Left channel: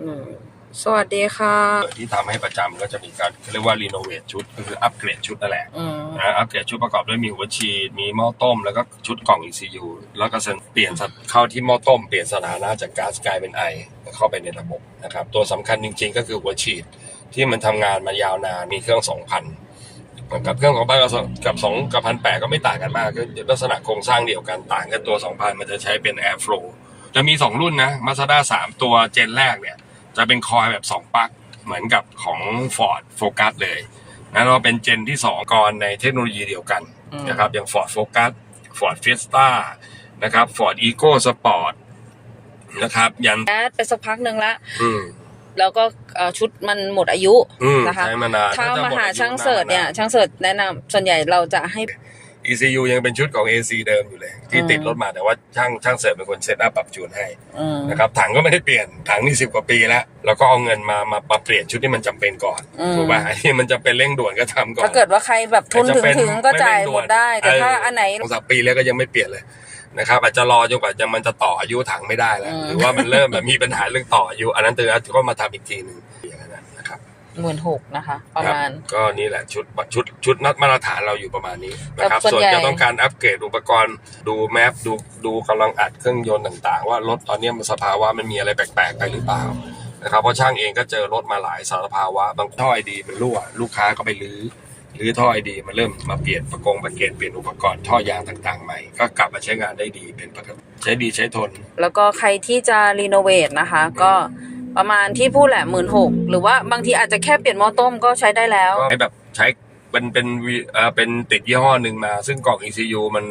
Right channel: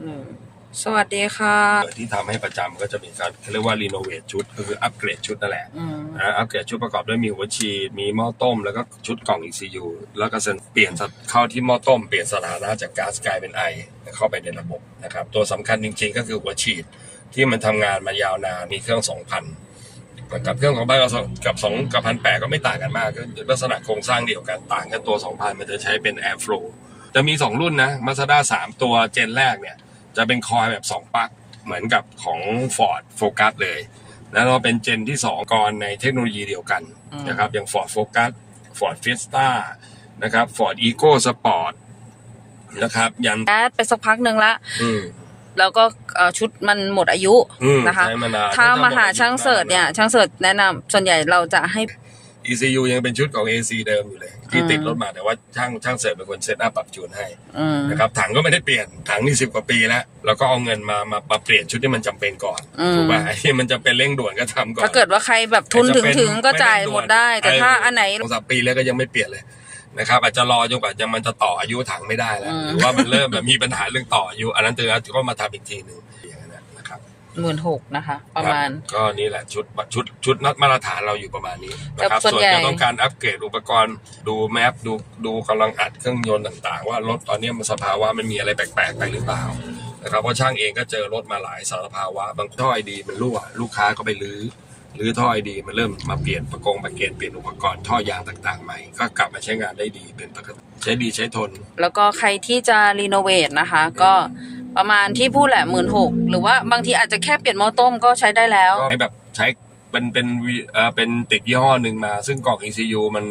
อืมสวัสดีค่ะ ที่ทำให้ประจำก็จะมีการเขาเรียกว่ารีโนเวทชุดก็คืออัปเกรดชุดนั่นแหละอืม นะอัปเกรดชุดประกอบด้วยมีหัวฉีดมีหม้อต้ม แล้วก็ชุดกล่อง ECU แล้วก็เปลี่ยนสถเข้าที่หม้อต้ม เปลี่ยนสถานะจากก๊าซกลายเป็นไอเข้าไปในระบบนะครับตัวสำคัญจริงๆ ก็คือหัวฉีดที่มันทำงานมายาวนานมีเครื่อง 2,000 กับเครื่องของบ้านเรากับ2กับพันแปก็ไม่ต่างกันมากก็ลักษณะโครงสร้างเดียวกันต่างกันตัว 2,000 มันจะใช้เป็น Air Flow จะมี 2 รุ่นนะ Mazda 3 ตัวเจนแรกเนี่ย จะเป็นคอยแบบ 2ปลั๊กเหมือนกับของ Ford Focus เลยนะเราเป็นเจนที่ 2 ก่อนในเทคโนโลยีเดียวกันอืมนะครับอย่าง Ford Focus Ford Fiesta นะครับ Ford Eco Sport นะครับ ยันแอดไปสักพักหนึ่งละอืมแล้วก็เอ่อชุดมันหมดอายุอืมนะคะใช้มานานถ้าก็จะมาหาดอยุช่างเสิร์ชเนี่ยาช่างเสิร์ชแนะนำส่วนใหญ่เราจะให้ ECU ยังเป็นชุดของ AC เดิมอยู่เลย ที่อืมติดรถมาแต่ว่าช่างช่างเสิร์ชเป็นคนเซตอัพปรับจูนให้อืมนะครับถังก็ไม่ได้เปลี่ยนถังนี่สิบกว่าปีแล้วเราก็เอาเงินมามามาเปลี่ยนชุดที่มันจำเป็นก่อนอืมถูกป่ะไอ้ที่มันจะเป็นเร่งด่วนก็ทำก่อนถ้าเกิดว่าใครแบบทุนถึงแต่จะเป็นถึงก็ไม่จ่ายเร่งด่หมวนดได้ แต่ถ้าเอออัอันไหนสองสามปีแล้วก็ยังไม่เปลี่ยนเลยนะครับอาจจะรอจนกว่าจะมันจะต่ออายุถังไม่ได้แล้วอืมหรือว่ามันเริ่มแบบมีปัญหาเรื่องต่ออายุอันนั้นตือก็มาทำอีกทีหนึ่ง หมื่นหกนะคะ ประมาณครับก็นี่แหละชุดชุดชุดนัดมาตรฐานเราอยู่ประมาณนี้นะครับแต่ส่ส่ววนนใหญ่จะต้องการอัปเกรดอุปกรณ์ดูแมปดูดูกำลังอัดเครื่องยนต์ต่างๆ ว่ารถตอนนี้มันสภาวะมันมีอะไรแปลกๆไปหรือเปล่านะครับเพราะช่างเองก็เจอรถมาหลายสารภาวะบางท่อไอดีมันรั่วลูกค้าก็ไปรื้อหรือท่อไอดีมันเริ่มมาเปลี่ยนประกงประเกตเปลี่ยนอุปกรณ์ท่อยางต่างๆใหม่ ก็กลับมาใช้งานได้ดีเป็นปกติใช้ดีใช้ทน แล้วก็ใครที่จะรีโนเวทนะคะ ก็ ประมาณที่พูดแหละหมื่นหกหรือว่าบางทีอาจจะแค่เปลี่ยนหม้อต้มก็ใช้ได้แล้ว ก็ให้แบบใช้เป็นเป็นวีเอ่อเป็นติดยี่ห้อหนึ่งมา ซึ่งกล่อง ECU มัน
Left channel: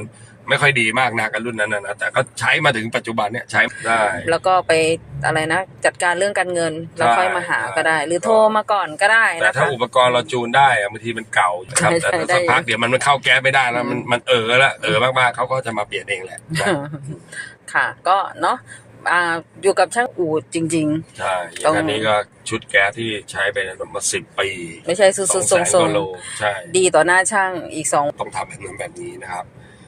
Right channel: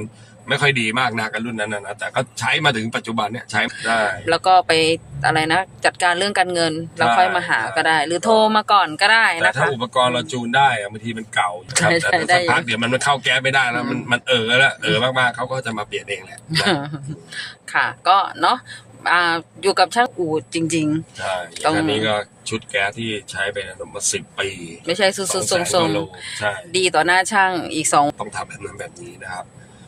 ไม่ค่อยดีมากนะกันรุ่นนั้นนะนะแต่ก็ใช้มาถึงปัจจุบันเนี่ยใช้ได้ แล้วก็ไปอะไรนะ จัดการเรื่องการเงินแล้วค่อยมาหาก็ได้ หรือโทรมาก่อนก็ได้แต่นะถ้าคะ อุปกรณ์เราจูนได้อะบางทีมันเก่าครับใช่แต่ใช่ได้สักพักเดี๋ยวมันมันเข้าแก๊สไม่ได้แล้วมันมันเออแล้วเออมากๆเขาก็จะมาเปลี่ยนเองแหละนะ ค่ะ ก็เนาะ อ่าอยู่กับช่างอูดจริง ใช่อต้ย่าองงอันนี้ก็ชุดแก๊สที่ใช้ไปมาสิบปีๆ ไม่ใช่ซื้อสๆองทแสนรงกว่าโลใช่ๆดีต่อหน้าช่างอีกสอง ต้องทำแบบนั้นแบบนี้นะครับ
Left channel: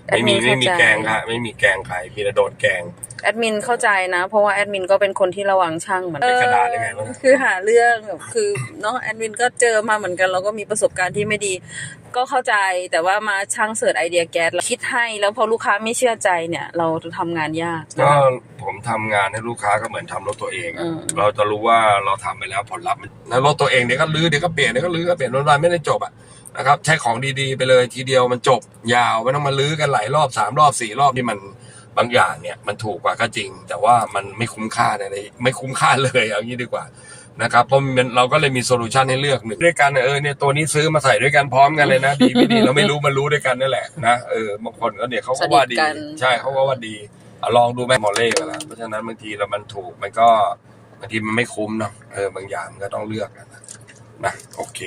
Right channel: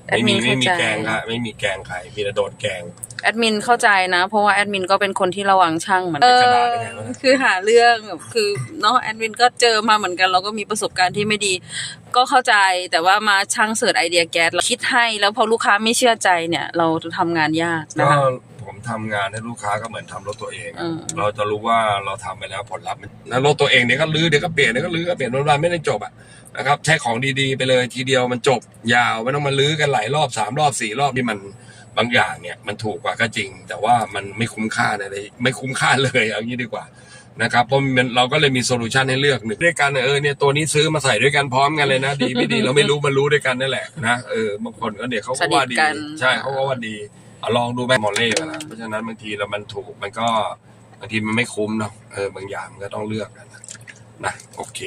แอดไม่มิมีนไม่มีเข้าใจ แกงค่ะไม่มีแกงใครมีแต่โดนแกง แอดมินเข้าใจนะ เพราะว่าแอดมินก็เป็นคนที่ระวังช่างเหมือนเป็นกระดาษได้ไงวะคือหาเรื่องแบบคือเนาะแอดมินก็เจอมาเหมือนกันเราก็มีประสบการณ์ที่ไม่ดี ก็เข้าใจแต่ว่ามาช่างเสิร์ชไอเดียแก๊สเราคิดให้แล้วพอลูกค้าไม่เชื่อใจเนี่ย เราจะทำงานยากนะก็คะ ผมทำงานให้ลูกค้าก็เหมือนทำรถตัวเองอะอืม เราจะรู้ว่าเราทำไปแล้วผลลัพธ์มันแล้วรถตัวเองเดี๋ยวก็ลื้อเดี๋ยวก็เปลี่ยนเดี๋ยวก็ลื้อก็เปลี่ยนวันๆไม่ได้จบอะนะครับใช้ของดีๆ ไปเลยทีเดียวมันจบยาวไม่ต้องมาลื้อกันหลายรอบสามรอบสี่รอบที่มันบางอย่างเนี่ยมันถูกกว่าก็จริง แต่ว่ามันไม่คุ้มค่าอะไรไม่คุ้มค่าเลยเอางี้ดีกว่า นะครับเพราะมันเราก็เลยมีโซลูชันให้เลือกหนึ่งด้วยกันเออเนี่ยตัวนี้ซื้อมาใส่ด้วยกันพร้อมกันเลยนะ ดีไม่ดีเราไม่รู้มันรู้ด้วยกันนั่นแหละนะเออบางคนก็เนี่ยเขาก็ว่าดี สนิทกัน ใช่เขาก็ว่าดีอะลองดูไหมมอลเล่กันละเพราะฉะนั้นบางทีเรามันถูกมันก็บางทีมันไม่คุ้มเนาะเออบางอย่างมันก็ต้องเลือกกันนะนะโอเค